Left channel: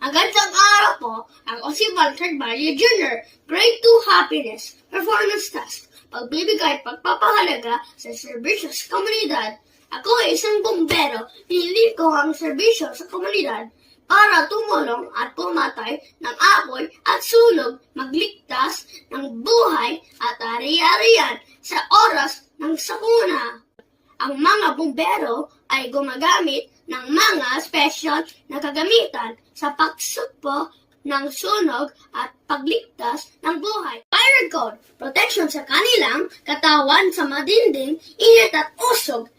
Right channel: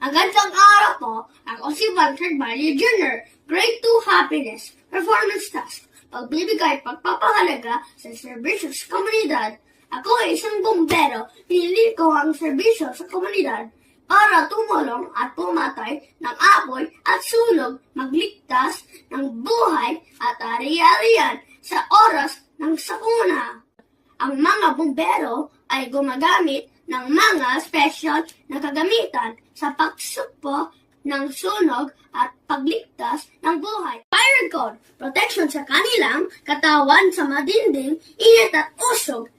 Magandang araw po. Ako si Walter Mario Jr., Grade 2 Happiness, Performance Task, pagbibigay at pagpapahalaga sa serbisyo sa komunidad. Ako ay isang bumbero, pinili ko ang serbisyo sa komunidad para tumulong at pumatay ng apoy at sunog, magligtas ng buhay at ari-arian sa oras ng sakuna. Ang mga bumbero ay gumagamit ng mga special na kagamitan sa pagsukpo ng sunog at pagligtas ng buhay. Fire code, protection sa kanilang katawan sa matinding init at usog.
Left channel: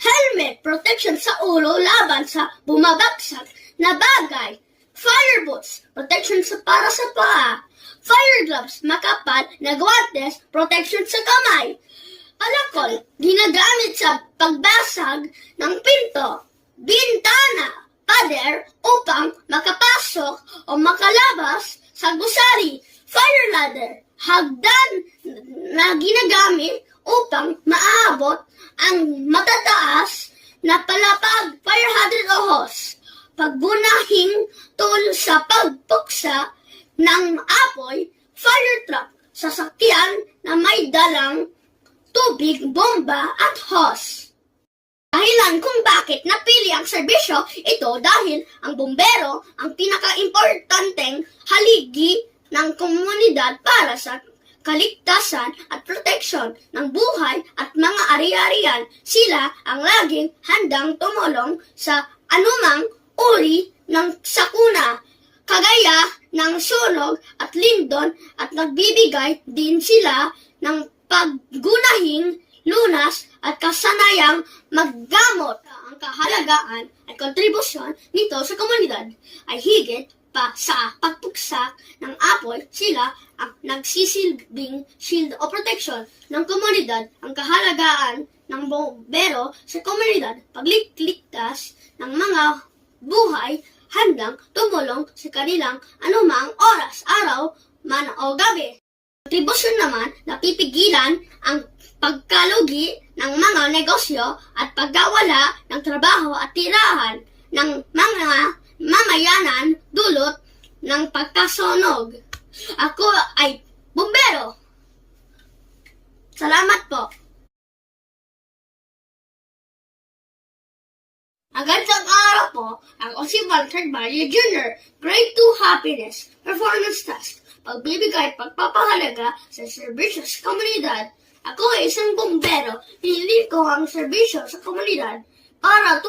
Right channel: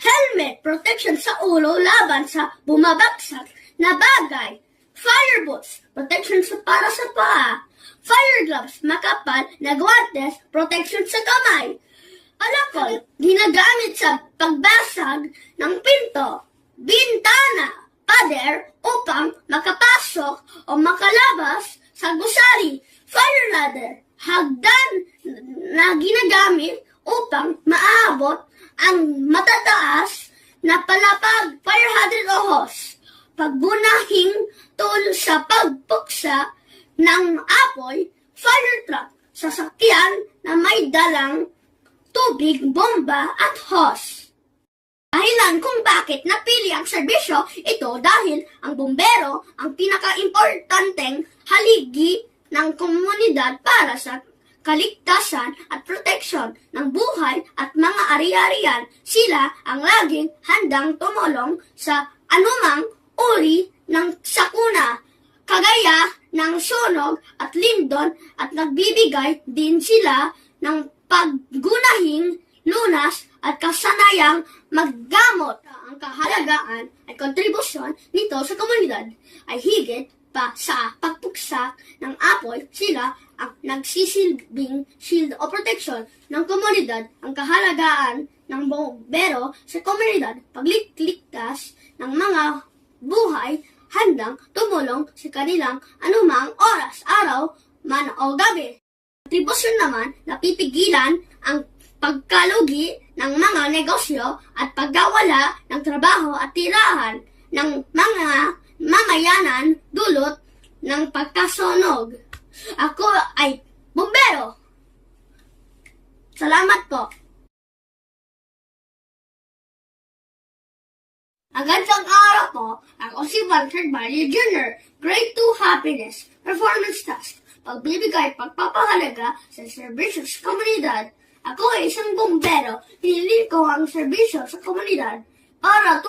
Helmet, protection sa ulo laban sa bumabagsak na bagay. Fire boots, protection para sa paa. Fire gloves, makapal na guwantes, protection sa kamay. Alakol, ginagamit sa pagbasag ng pinto, bintana, pader upang makapasok o makalabas sa gusali. Fire ladder, hagdan na ginagamit upang maabot ang matataas na palapag. Fire hydrant o hose, pagbunahing tool sa pagpuksa ng apoy. Fire truck, sasakyan na may dalang tubig, bomba at hose. Dahilan kung bakit napili ang serbisyo ito dahil ang bumbero ang pinaka-importanteng haligi ng komunidad para sa kaligtasan at proteksyon ng buhay at mga ari-arian. Sila ang laging handang tumulong sa anumang uri ng sakuna, kagaya ng sunog at lindol, at nagbibigay din sila ng paggunahing lunas at kasanayang maggamot. Ang kahalagaan at kontribusyon nito sa komunidad ay higit pa sa pagpuksak ng apoy. Sila ang nagsisilbing shield o protection ng komunidad. Ang kahalagaan ng bumbero sa komunidad, pagligtas ng mga buhay, handang tumulong sa kanilang anumang oras, araw man o gabi. Kontribusyon naman, napipigilan ang pagkalugi ng mga negosyo at pagkawala ng trabaho at tirahan ng mga mamayanan dulot ng pagkasunog. Ako ay bumbero. Salamat po. Magandang araw po. Ako si Walter Mario Jr., Grade 2 Happiness, Performance Task, pagbibigay at pagpapahalaga sa serbisyo sa komunidad. Ako ay isang bumbero, pinili ko ang serbisyo sa komunidad para